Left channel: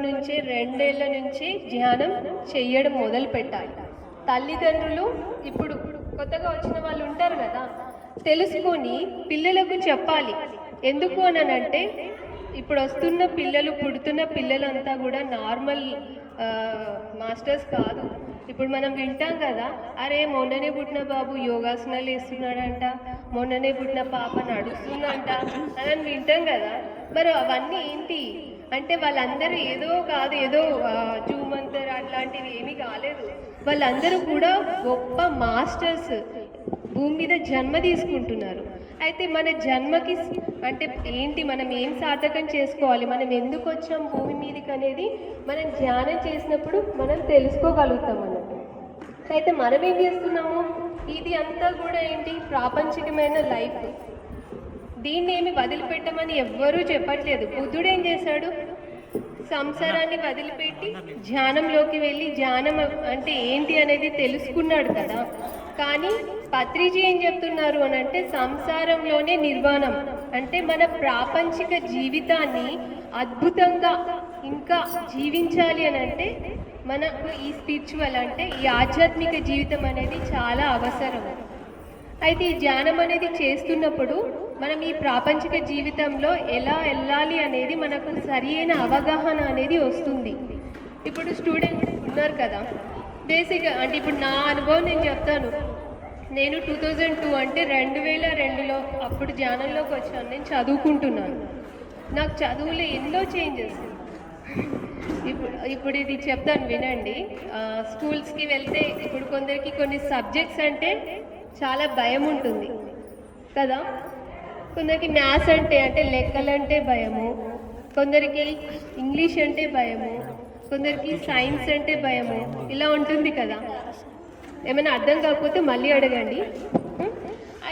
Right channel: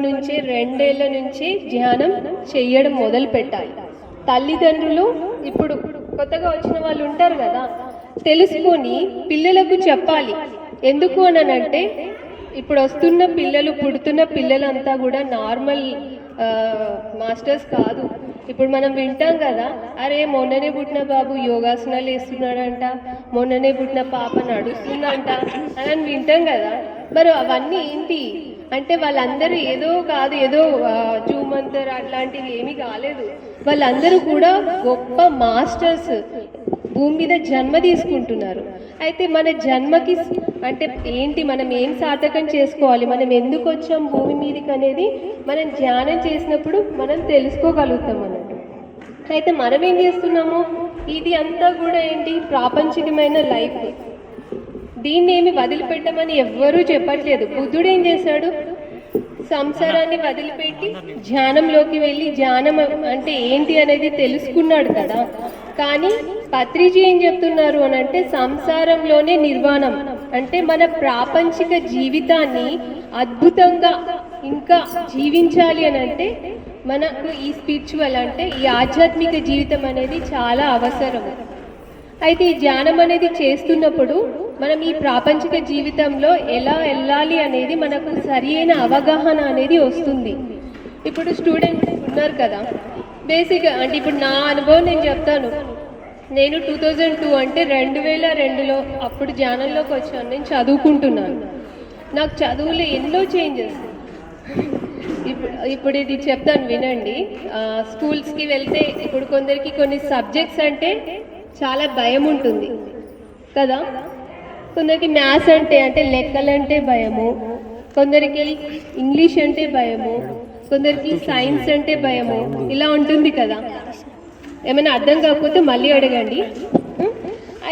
చిన్నప్పటి నుంచే 2 ఏళ్ల నుంచే ధ్యానం చేయడం మొదలు పెట్టాలి. తల్లిదండ్రులు ఇప్పుడు కొత్తగా వచ్చిన వాళ్ళు ఉంటారు కదా, తెలుసుకొని పిల్లలకు చెప్పాలి. ఎందుకు అనంటే ఇప్పుడు వస్తున్న పిల్లలు, పుడుతున్న పిల్లలంతా కూడా నార్మల్ మాస్టర్స్ కాదు. ఇప్పుడు మనం వింటాం కదా, అరే మొన్ననే పుట్టిన బాబు యోగాసనాలు వేస్తున్నాడంట, మొన్ననే పుట్టిన పాప నడుస్తుందంట అని వింటాం కదా. మరి అవన్నీ ఏంటి అంటే వాళ్ళందరూ ఏదో కాదు, ఏదో జూమంతర్ అట్లాంటివి ఏమీ కాలేదు. వాళ్ళందరూ కూడా గొప్ప మాస్టర్స్, భూమి మీద జన్మ తీసుకుంటున్నారు. అయితే మన జన్మకి అంటే ఏంటి, మనం ఏం సార్థకం చేసుకోవాలి, మనం ఎందుకు వచ్చాం భూమి మీదకి అనేది మనం ధ్యానం చేసినప్పుడు మనం తెలుసుకోగలుగుతాం అన్నట్టు. అయితే మనం ఏం చేస్తున్నాము, ఇది అంతా కూడా ఏంటి ప్రాపంచికమైన లైఫ్, దీన్ని ఏమి వదిలిపెట్టమని ఎవ్వరూ చెప్పట్లేదు. బుద్ధుడు ఏం చేశాడు, సంసారాన్ని వదిలిపెట్టి ధ్యానంలోకి వెళ్ళి ధ్యానం అంటే ఏంటి అనేది తెలుసుకున్నాడు కదా. కానీ పత్రిజీ ఏం చెప్తున్నారు అని అంటే సంసారంలోనే నిర్వాణం, అంటే మన ప్రాపంచిక జీవితాన్ని అద్భుతంగా ఇంకా జీవించాలి అని అంటే మనకు ఈ స్పిరిచువల్ అంటే ఈ ఆధ్యాత్మిక జీవితం అనేది చాలా అవసరం. అయితే ఈ ధ్యానం అనేది చేస్తున్నప్పుడు మనం ఈ ప్రాపంచిక జీవితంలో ఎలా వెళ్ళాలి అనేది మనకు సరైన అవగాహన అనేది వస్తుంది. ఇప్పుడు స్టూడెంట్స్ ఉన్నారు కదా, బేసిక్గా అంటే ఇప్పుడు నా అనుభవం నేను చెప్తాను. నేను 2002 అంటే 2002లో అప్పుడు ధ్యానంలోకి వచ్చాను. నేను చదువుకుంటున్నాను. నాకు చదువులో ఎన్నో చేంజెస్. ఇప్పుడు ఇది చెప్తాను వినండి. స్కూల్స్కి వెళ్తే ఇప్పుడు కొందరికి కొన్ని సబ్జెక్ట్స్ అంటే చాలా భయం ఉంటుంది కదా. కొందరికి మ్యాథ్స్ అంటే లెక్కలంటే భయము, కొందరికి ఇంగ్లీష్ అంటే భయము, కొందరికి సైన్స్ అంటే భయము, ఇలా ఉంటుంది కదా. ఏమైనా అర్థం కాకపోతే మళ్ళీ అడగండి.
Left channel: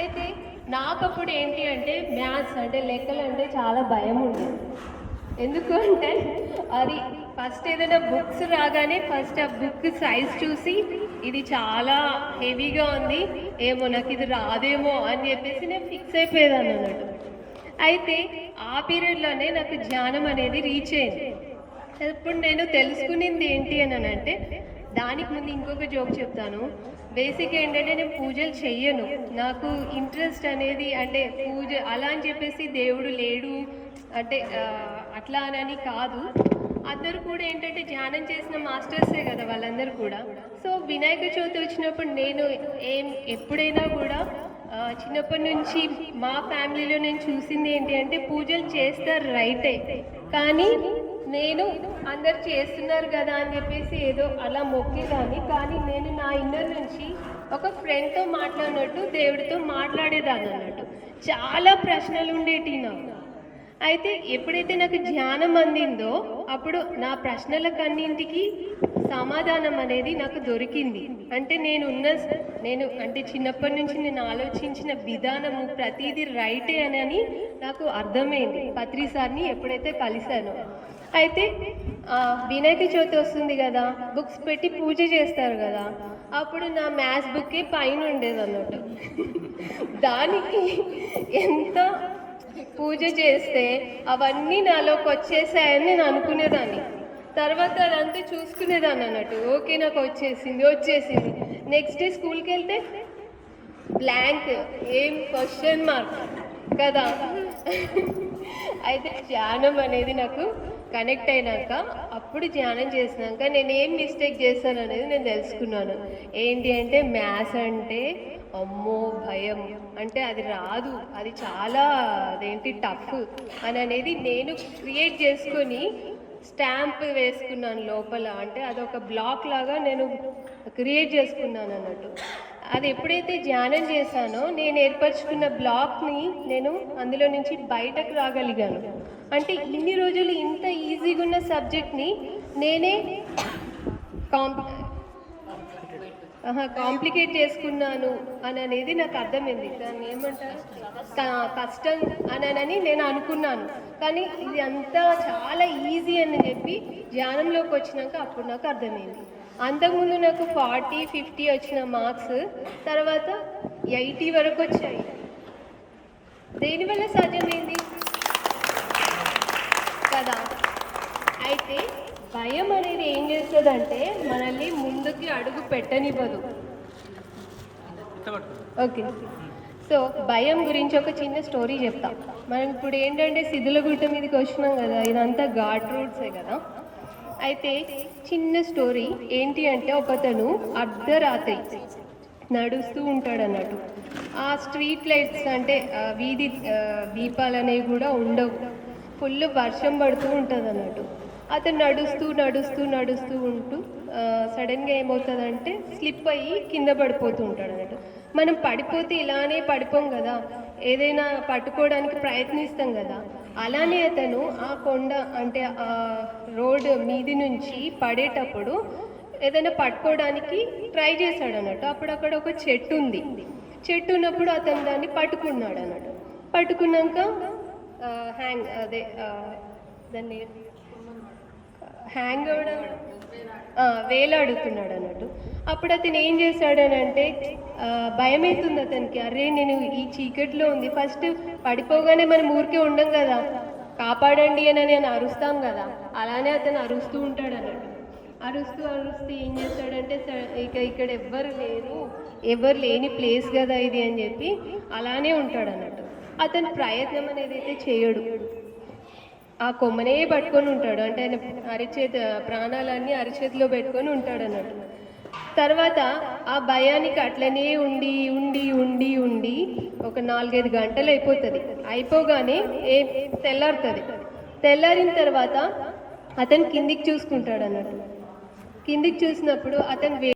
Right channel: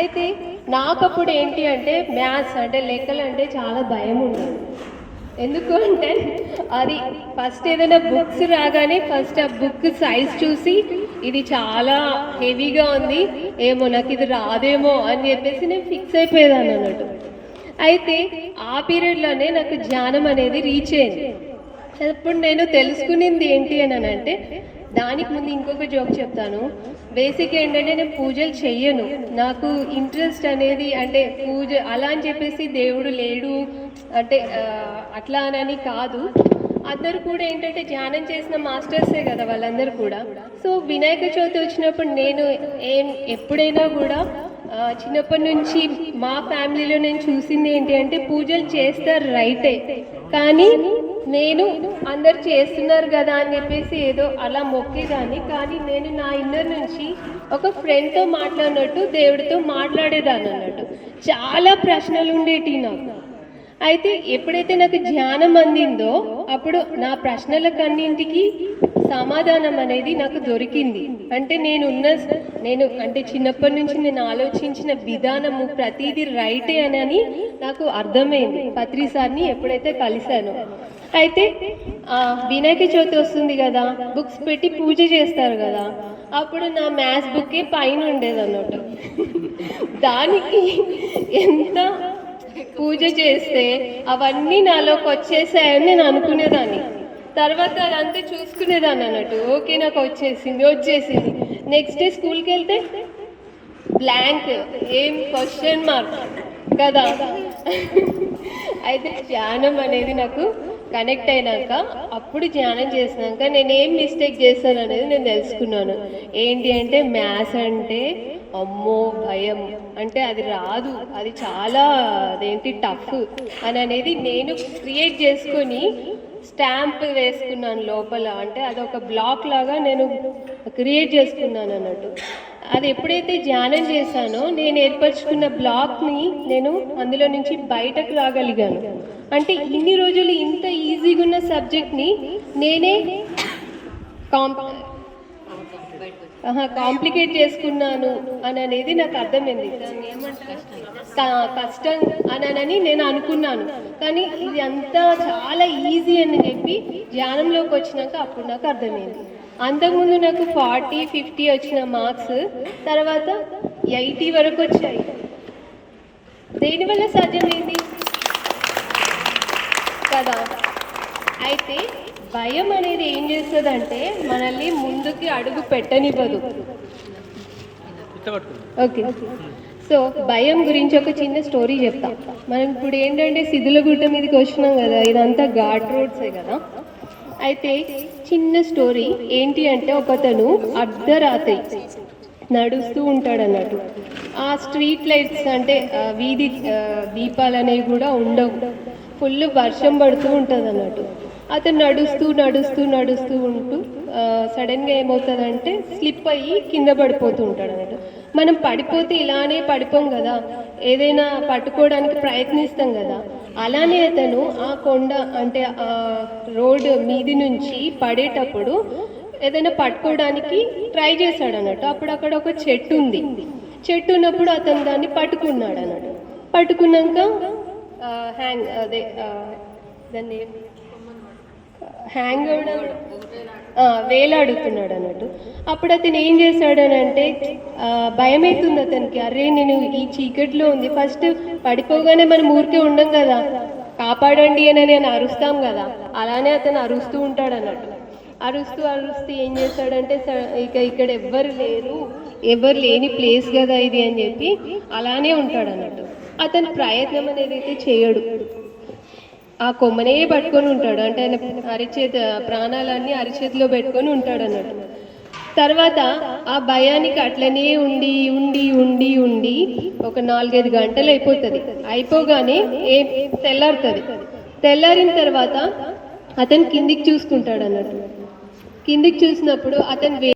అయితే నాకప్పుడు ఏంటి అంటే మ్యాథ్స్ అంటే లెక్కలు అంటే చాలా భయం ఉండదు. ఎందుకు అంటే అది ఫస్ట్ ఏదైనా బుక్స్ రాగానే ఫస్ట్ ఆ బుక్ సైజ్ చూసి ఇది చాలా హెవీగా ఉంది, ఏమో నాకు ఇది రాదేమో అని చెప్పేసి నేను ఫిక్స్ అయిపోయేదాన్ని అన్నట్టు. అయితే ఆ పీరియడ్లోనే నాకు ధ్యానం అనేది రీచ్ అయింది. అప్పుడు నేను తెలుసుకునింది ఏంటి అని అంటే, దానికి ముందు ఇంకొక జోక్ చెప్తాను. బేసిక్ ఏంటంటే నేను పూజలు చెయ్యను, నాకు ఇంట్రెస్ట్ అనేది అంటే పూజ అలా అని చెప్పేసి దేవుడు లేడు అంటే అట్లా అని కాదు. అందరూ కూడా ఏంటంటే ధ్యానం చేసిన మాస్టర్సే కదా వాళ్ళందరూ కూడా. సో వినాయక చవితి వచ్చినప్పుడు నేను ఎప్పుడైనా కూడా చిన్నప్పటి నుంచి మా ఫ్యామిలీలో నేను చూసింది ఏంటి అంటే పూజలు చేస్తారు రైటే, కానీ నేను అందరు చేస్తున్నారు కదా అని చెప్పేసి ఏదో అలా మొక్కేదాన్ని. కానీ నేను నా ఇన్నర్ నుంచి ఒక ఫ్రెండ్తో మాట్లాడినట్టు దేవుడితో మాట్లాడేదాన్ని అన్నట్టు. చాలా ప్రశ్నలు ఉండేటి నాకు. అయితే ఎప్పుడైతే నాకు ధ్యానం అందిందో అప్పుడు నా ప్రశ్నలకన్నింటికి సమాధానం అనేది నాకు దొరికింది. అంటే నేను అంటే చిన్నప్పటి నుంచి నేను ఆలోచించిన విధానము ప్రతిదీ రైటే అని నాకు అర్థమైంది పత్రి సార్ని ఎప్పుడైతే కలిశానో. అయితే వినాయక చవితి వస్తుంది కదా, బుక్స్ పెట్టి పూజ చేస్తారు కదా, అప్పుడు నా మ్యాథ్స్ బుక్కి పైన ఉండేది అన్నట్టు. దానికి ఎంత పూజ చేస్తే అవన్నీ నాలోకి వచ్చేసాయని నేను అనుకునేదాన్ని. తర్వాత అదంతా చూసుకునేదాన్ని అన్నట్టు. ఓకే నాకు వచ్చేసింది. నెక్స్ట్ డే స్కూల్కి వెళ్తే బ్లాంక్, ఏం క్వశ్చన్ మార్క్ కదా. అయితే ధ్యానం అనేది నాకు కనెక్ట్ అయినాక, అప్పుడు ధ్యానం చేసినాక నేను ఏం మిస్టేక్ చేస్తాను అనేది నేను తెలుసుకున్నాను. ఏంటి అంటే మ్యాథ్స్ అంటే అమ్మో భయం, అంటే అది రాదు, అది చాలా అదేంటి టఫ్ అని అనేది నేను క్రియేట్ చేసుకొని స్టాంప్ వేసుకున్నాను లోపల. అంటే అదొక బ్లాక్ లాగా నేను క్రియేట్ చేసుకున్నాను అన్నట్టు. అది ఎప్పుడైతే ధ్యానం చేశానో నేను ఏర్పరచుకున్న బ్లాక్ని నేను అందులో నుంచి బయటకు రాగలిగాను. అంటే ఇన్ని రోజులు ఇంత ఈజీగా ఉన్న సబ్జెక్ట్ని నేనే కాంప్లికేట్ చేసుకున్నాను అని అనేది నాకు అర్థమైంది. కష్టం అని నేను అనుకున్నాను, కానీ ఇది అంతా చాలా ఈజీ అని చెప్పి ధ్యానంలోకి వచ్చినాక అప్పుడు నాకు అర్థమైంది. అంతకుముందు నాకు 40, 50 వచ్చిన మార్క్స్ తర్వాత 80 వరకు వచ్చాయి. దేనివల్ల సాధ్యమైంది కదా. అయితే భయం అనేది ఏం చేస్తుందంటే మనల్ని ముందుకి అడుగు పెట్టనివ్వదు. ఓకే, సో భయం గురించి ఒక చిన్న స్టోరీ చెప్తాం. మనం ఇప్పుడు ఏంటంటే సిద్ధులగుట్ట మీదకి వచ్చినాం కదా, ఇదంతా ఘాట్ రోడ్సే కదా. అయితే చిన్న స్టోరీ ఏంటి అంటే, ఒకతను అర్ధరాత్రి నడుస్తూ ఉంటాడు అన్నట్టు. ఆ స్ట్రీట్ లైట్స్ అంటే వీధి దీపాలు అనేవి కూడా ఉండవు, ఫుల్ వర్షం పడుతూ ఉంటుంది అన్నట్టు. అతను నడుస్తూ నడుస్తూ నడుస్తూ ఉంటూ సడన్గా ఏమవుతుందంటే స్లిప్ అయ్యి కింద పడిపోతూ ఉంటాడు అన్నట్టు. మనం పడిపోతే ఇలానే పడిపోం కదా, ఏదైనా పట్టుకోవడానికి ప్రయత్నిస్తాం కదా. అలానే అతను ఆ కొండ అంటే ఆ రోడ్ మీది నుంచి పడేటప్పుడు ఏదైనా పట్టుకోవడానికి ట్రై చేశాడు అన్నట్టు. అప్పుడు అక్కడ ఒక చెట్టు ఉంది. చెట్టు ఉన్నప్పుడు అతను దాన్ని పట్టుకున్నాడు అన్నట్టు. పట్టుకున్నాక అదే దాన్ని హ్యాంగ్ అవడం వేలాడుతున్నాడు అన్నట్టు. అప్పుడు అతను ఏం చేశాడు అని అంటే, భయం అవుతుంది అతనికి. అరే నేను ఈ చీకట్లో ఉంది, ఫస్ట్ పడిపోగానే మనం ఊరికే ఉండం కదా, కాపాడండి అని నేను అరుస్తాం కదా, అలానే అతను అరుస్తూ ఉంటాడు అన్నట్టు. అరుస్తూ అరుస్తూ ఏం చేశాడంటే, ఇక్కడ ఎవ్వరు లేరు, ఎవరు లేని ప్లేస్ కదా ఇది అని చెప్పి అలానే ఉంటాడు అన్నట్టు. అతను ప్రయత్నం అనేది అయితే చేయడు, ఆ కొమ్మనే పట్టుకొని ఉంటాడు. అంటే ఆయన ప్రాణాలన్నీ అరిచేతిలో పెట్టుకొని ఉంటాడు అన్నట్టు. తర్వాత ఆ భయానికి అట్లనే ఉండి ఉండి ఉండి ఉండి ఒక 4-5 గంటలు అయిపోతుంది. అయిపోగానే తెల్లారుతుంది. తెల్లారిన తర్వాత అతను కిందికి చూసుకుంటాడు అన్నట్టు. కిందికి చూసినప్పుడు అతను